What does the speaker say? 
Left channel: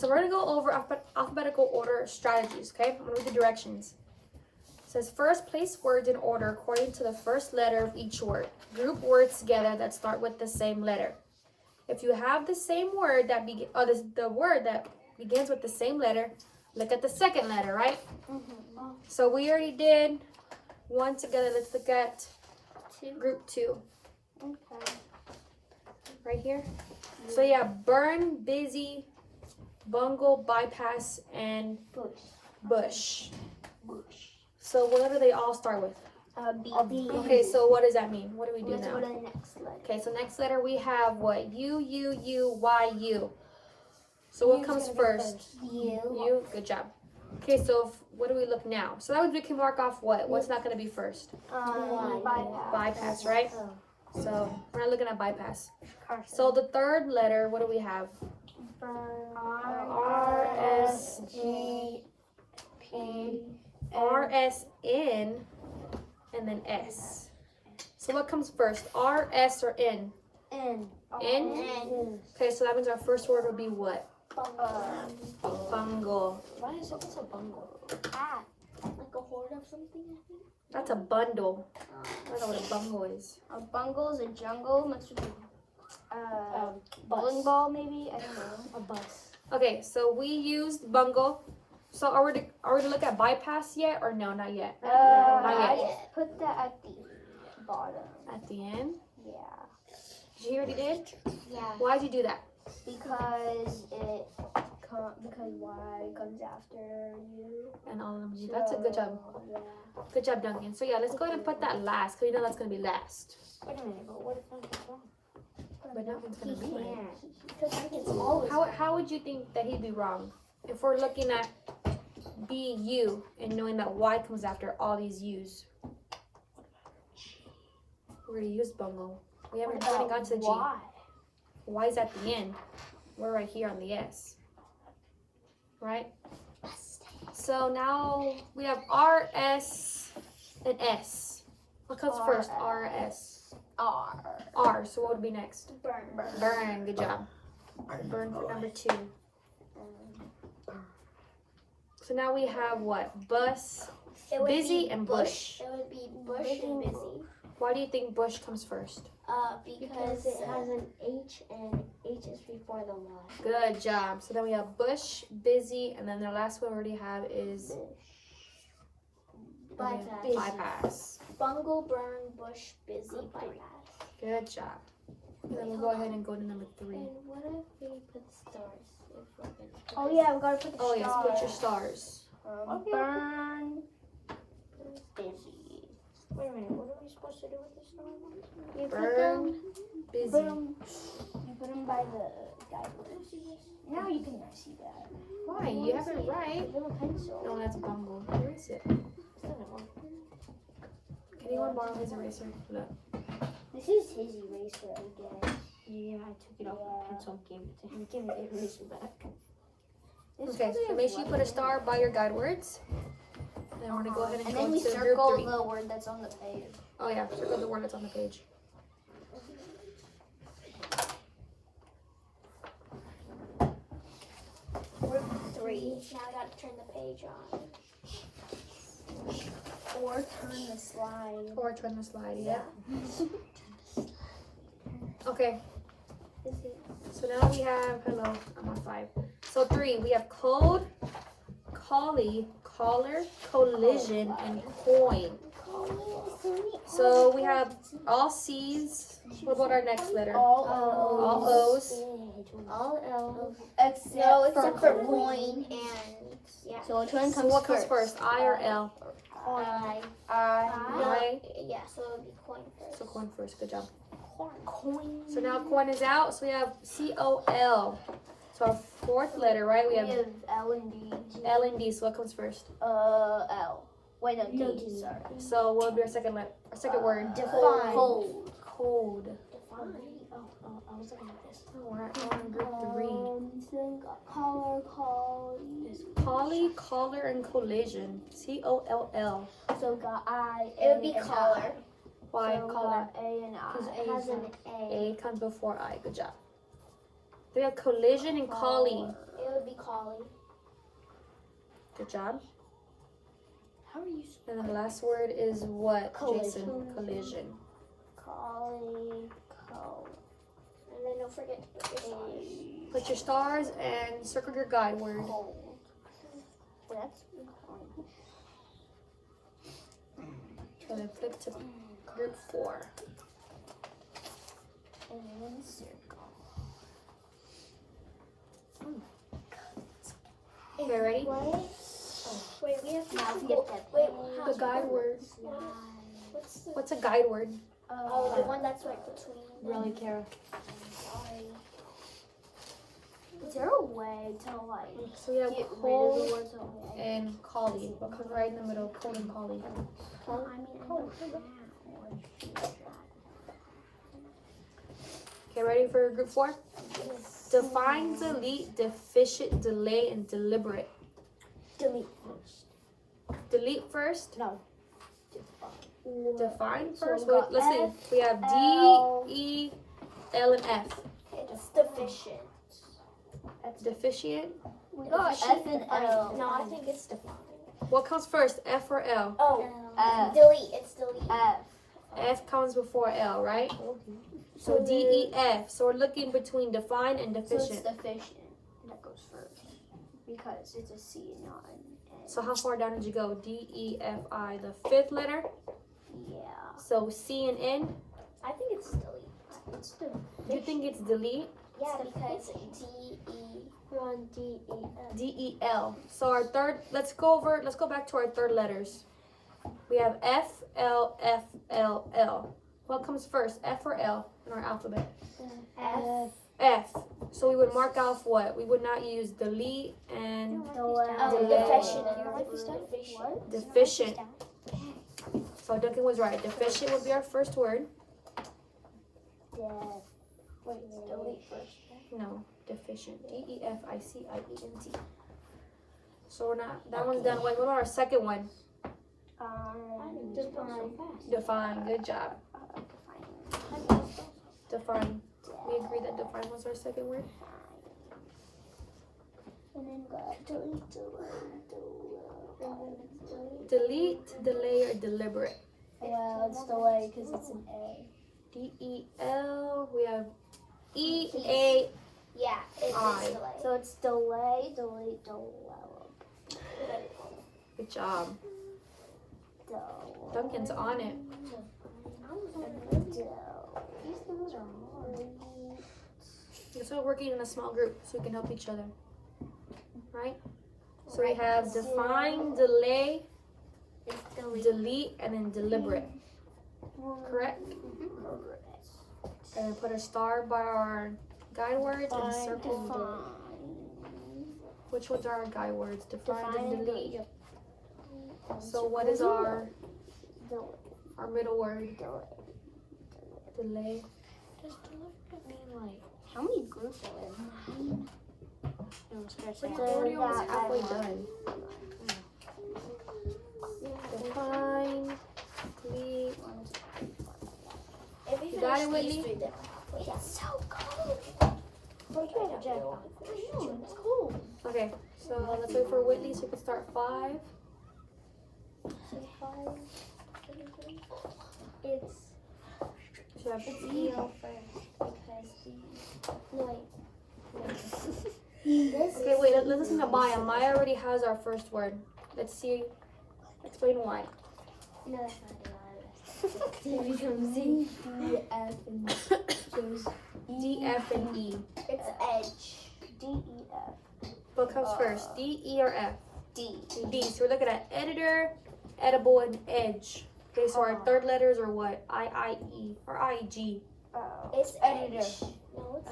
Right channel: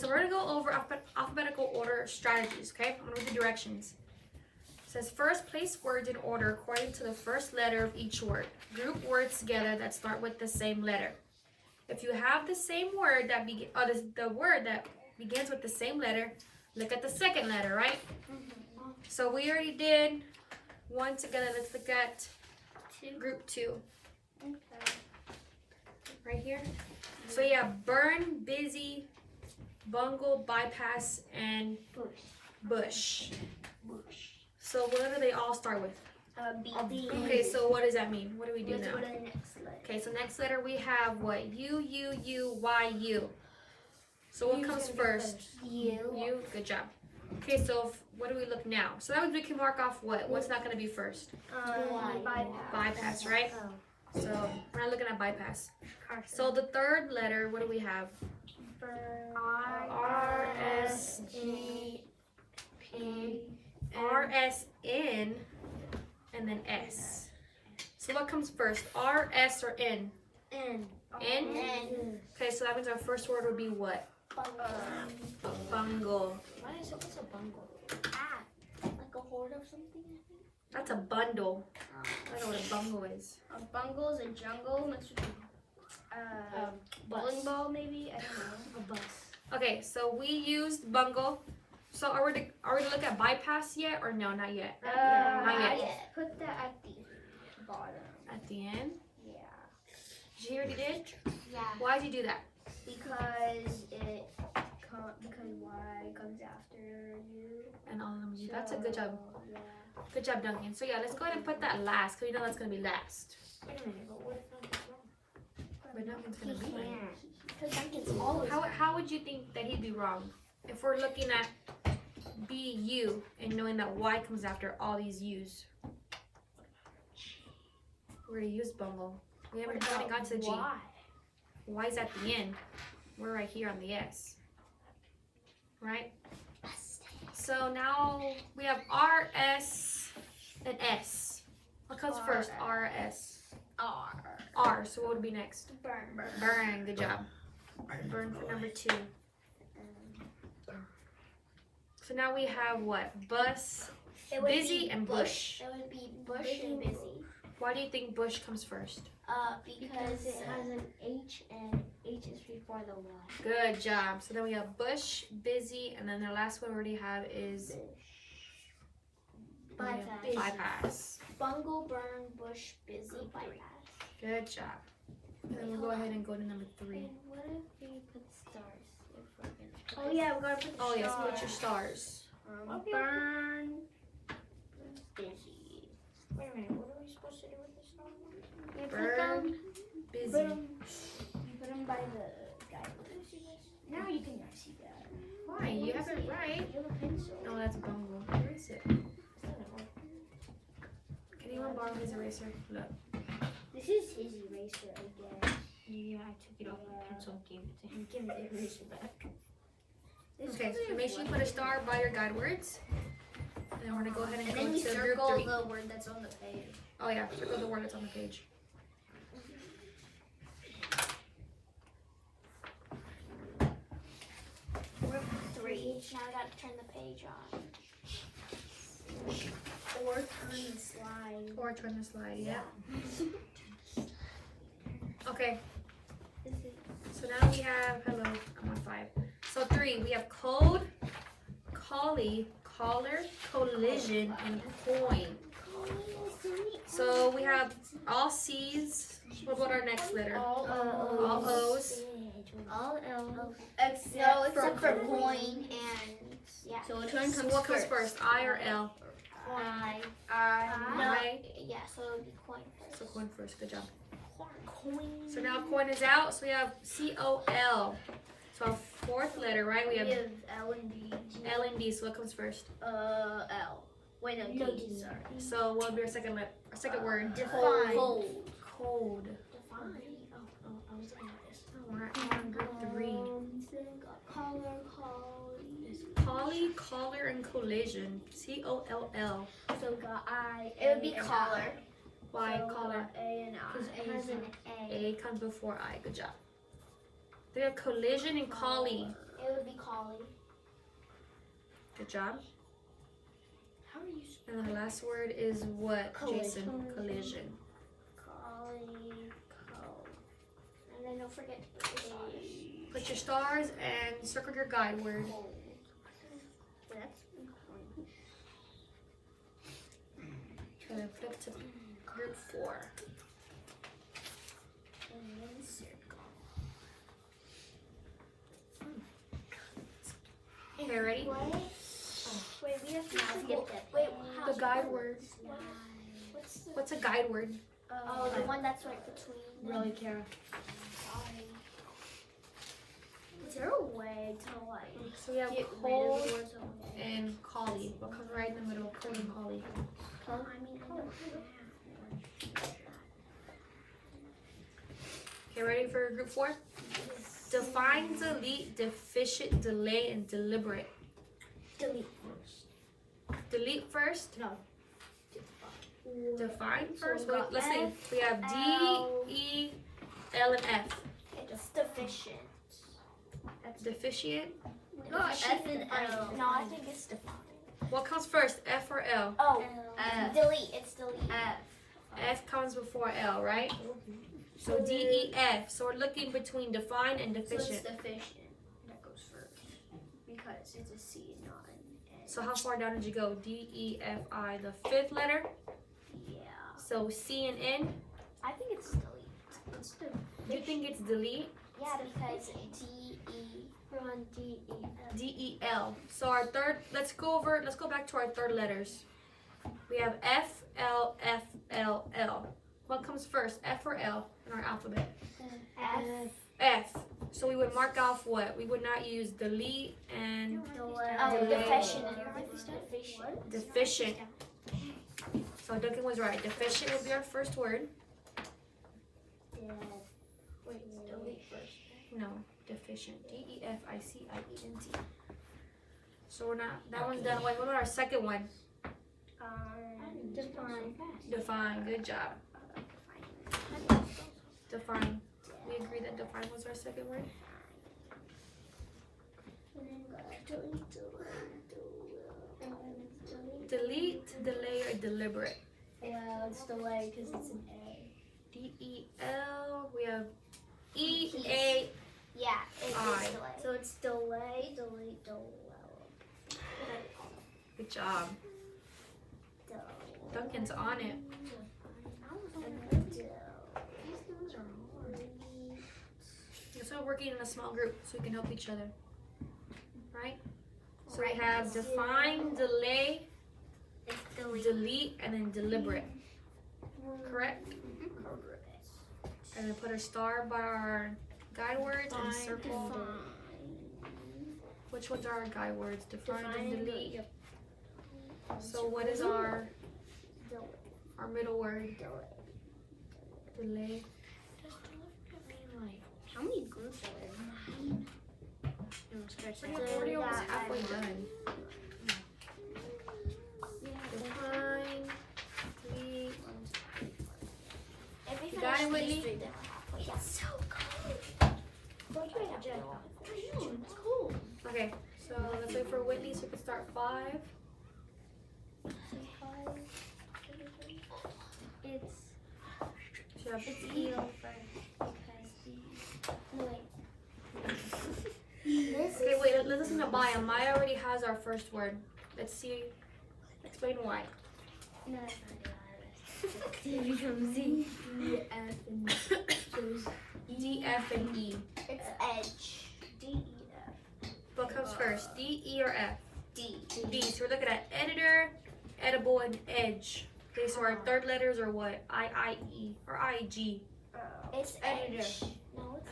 so we're going to go over alphabetical order strategies, okay? I'm going to read the directions. It says, first, place words in order according to the first letter of each word. Group words together that start with the same letter. If you have the same word that the word that begins with the same letter, look at the second letter, right? Mm-hmm. So we already did one together. Let's look at group 2. Okay. Right here. So yeah, burn, busy, bungle, bypass, and bush. So what do they all start with? B. Okay, so what does that mean? What do we do Let's now? go to the next letter. Okay, so next letter we have what? U, Y, U. So what comes first? U. Good job. Okay, so what do we look now? So that means we can mark off what? What's not going to be first? Bypass, right? So we're not looking at bypass. So the third letter, what do we have? R, S, G, P, R, S, N, and then S. So what comes first? R, S, or N? N. N? Okay, so that means our first word would be what? Bungle. Why is it a bungle? Like a hoard of something, I think. That's a bundle. I don't know what a bungle is. A bungle is a jungle mixed with bowling ball, maybe. I don't know. A bus. Okay, so we used bungle. So are we to look at bypass yet or no? Not yet. Not yet. Put that at the bottom. At the end. Yeah. You already did? Yeah. Why did you do that? Because Y comes after you. And all of them. That's a good job. Yeah. Good job, Duncan. So yeah, let's go ahead and put that last, because we know that's gonna be last. Wait a minute, but what if Duncan's wrong? But Duncan's gonna be right. Because Duncan's always How would you think that he'd be wrong? If we're looking at BU and knowing that Y comes after all these U's. We're gonna use bungle. We haven't got to the G. Why? Y's at the end. We're right here on the S. Right? So now we have R, S, and S. What comes first? R, S. R. So what would be next? Burn. Good job. Burn for number 2. So now we have what? Bus, busy, and bush. It would be bush and busy. Why do you think bush comes first? Because it has an H and H is before the Y. Good job. So then we have bush, busy, and then the last one we already have is bypass. Bungle, burn, bush, busy, bypass. Good job. And then we'll go ahead and go to number 3. And what if we put stars? If we're gonna we gotta put the Oh yes, put your stars. Burn, busy. Wait a minute, what are we supposed to do with the stars? Burn, busy. You put them by the guidelines. Now you can see that. Why? You have it right. You have a pencil. No, that's bungle. Where is it? Can anyone borrow his eraser? Look. This is his eraser, I guess. Yeah, I took it off the pencil and gave it to him. Give me the eraser back. Okay, so make sure you put a star by your guide words. And then we're gonna go ahead and go then we to group circle 3. the word that's on the page. Oh yeah, circle the word that's on the page. Group 3. Now I gotta turn the page on. Or turn the slide. Or turn the slide, yeah. Okay, so now we have, hello, I'm on 5. So 3, we have code, collie, collar, collision, and coin. So we have all C's. What about our next letter? All O's. All L's. Except for coin and So which one So comes what comes first, I or L? I. Yeah, so it would be coin first. So coin first, good job. Coin. So now coin is out, so we have C-O-L. So our fourth letter, right? We have L and D. L and D, so what comes first? L. Wait, no, D. Sorry. So what would be our second letter, our second word? Define. Code. Define. I was looking at this. Oh, we're on group 3. Collar, Collie, collar, and collision. C-O-L-L. So got I. It would be collar. Why So collar? got A and I. Because It has an A. A comes before I. Good job. We have collision and collie. It it would be collie. Good job. How are you? And the last word is what, Jason? Collision. Collie. And then don't forget to put your stars. Put your stars and circle your guide word. Cold. That's Gonna flip to group 4. and circle. Okay, ready? Wait, we have to skip that. Wait, The guide word. What's the? What's a guide word? Oh, the one that's right between. Really, Kara? Sorry. Is there a way to like So we have get rid of cold the words away? and collie. What comes right in the middle? Cold and collie. I mean, I don't Okay, ready for group 4? Define, delete, deficient, delay, and deliberate. delete. Delete first. No. Define first. we got Let's see. F, We have L. D, E, L, and F. It's deficient. Deficient. We got F and L. No, I think it's defined. What comes first, F or L? Oh, F. delete. It's delete. F. F comes before L, right? So D, E, F. So we're looking between define and So it's deficient. deficient. That goes first because it's a C, not an N. So how far down did you go? D, E, F, I. The 5th letter. Yeah, So C and N. I think it's delete. It's the You think it's delete? yeah because D E. We're on D E F. D, E, L. So our third. Let's go back to our third letters. We have F, L, F, L, L. What comes first, F or L in our alphabet? F. F. So we would mark off what? We would not use delete and Deficient. deficient. So Duncan was right. Deficient would be our first word. Wait, delete first. No, deficient. D-E-F-I-C-I-E-N-T. So we're not. That one's done. Wait, what about our second one? Define. Define. Good job. Define. We agree that define was our second word. And then delete. Delete, delay, or deliberate. Well, it's delay because it's an A. D-E-L. We have E-A. Yeah, it's I. delay. So it's delay, delete, develop. Good job. Duncan's on it. So we're working in a small group so we can help each other. Right? So we have define, delay, delete, and then deliberate. Correct? And then put a star by our guide words and circle. Which ones are our guide words? Define and delete. So what is our middle word? Delay. How many groups are there? We're already almost halfway done. Define, delete. You got it, Whitney? Wait, it's so cold. It's cold. Okay, so let's wait for Whitney so we can start 5. It's So you have E E. first because no wait. This Okay, wait, let's listen to Maya. Maya already has our first word. Let's see. Explain why. no, that's not it. It becomes D, E, F, and goes D, F, and E. It's edge. D, E, F. What comes first? D, E, or F? D. D. So we're looking at editor, edible, and edge. Okay, so our third letters are what? I, E, or I, G. It's editor. No, it's